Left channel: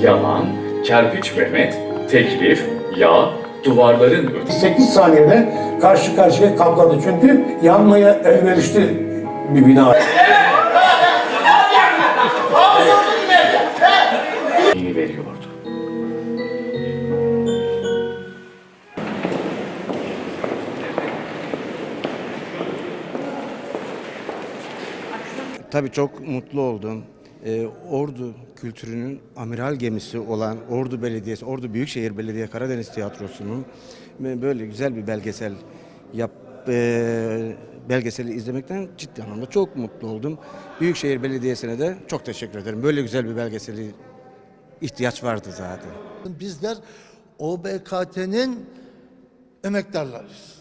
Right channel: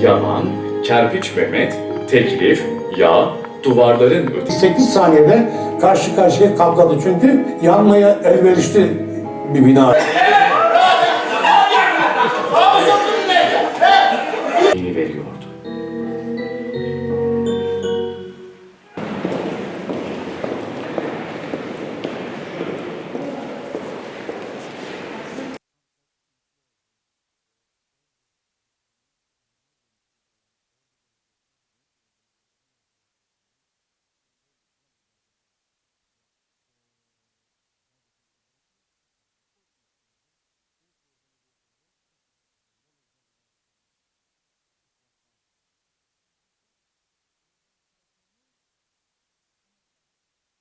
Yaman, Kerpiç Mehmet, Teklif, Yağ, duvarların ötesi. 8 saniyede karşı karşıya kapladı çünkü yanmaya elverişli bir bina. veriyordu. Tabii çok mutlu oldum. E, ordu kültürünün amiral gemisi olan Ordu Belediyesi, Ordu Büyükşehir Belediye Karadeniz Tiyatrosu'nun böyle güzel bir belgesel yap e, belgeseli izlemekten ciddi anlamda çok mutlu oldum. Büyükşehir Belediyesi'ne de çok teşekkür ederim. Böyle güzel bir belgeseli ihtiyaç vardı zaten. Bizler OBKT'nin emektarlarıyız.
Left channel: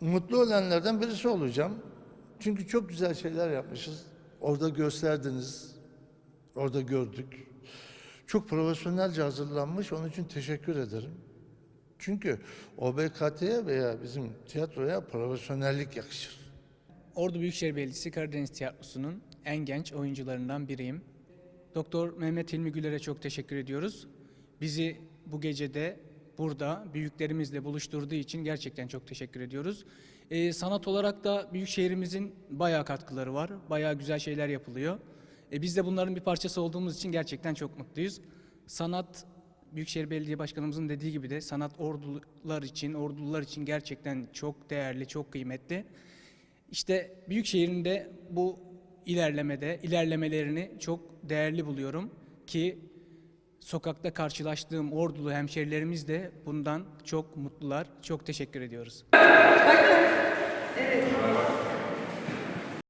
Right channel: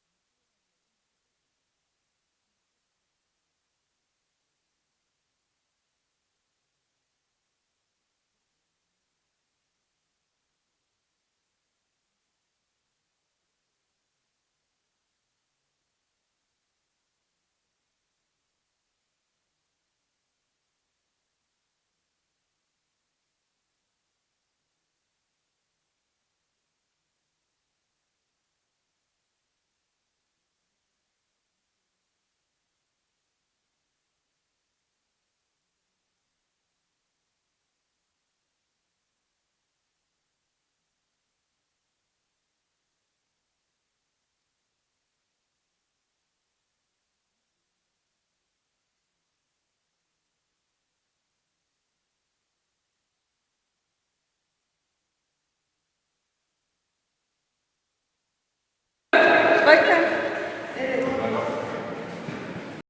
Mutlu olanlardan birisi olacağım. Çünkü çok güzel şeyler yapmışız orada gösterdiniz. Orada gördük. Çok profesyonelce hazırlanmış. Onun için teşekkür ederim. Çünkü OBKT'ye veya bizim tiyatroya profesyonellik yakışır. Ordu Büyükşehir Belediyesi Karadeniz Tiyatrosu'nun en genç oyuncularından biriyim. Doktor Mehmet Hilmi Güler'e çok teşekkür ediyoruz. Bizi bu gecede burada büyüklerimizle buluşturduğu için gerçekten çok teşekkür ediyoruz. E, sanat olarak da büyük şehrimizin bayağı katkıları var. Bayağı güzel şeyler yapılıyor. E, biz de bunların bir parçası olduğumuz için gerçekten çok mutluyuz. Sanat Büyükşehir Belediye Başkanımızın dediği gibi de sanat ordular için, ordular için gerçekten çok değerli, çok kıymetli. İşte Büyükşehir'in de bu ilerlemede, ilerlemelerini çok değerli buluyorum ki sokakta karşılaştığım ordulu hemşerilerimiz de bundan çok mutlular. Çok teşekkür ediyoruz. Bakın, evet.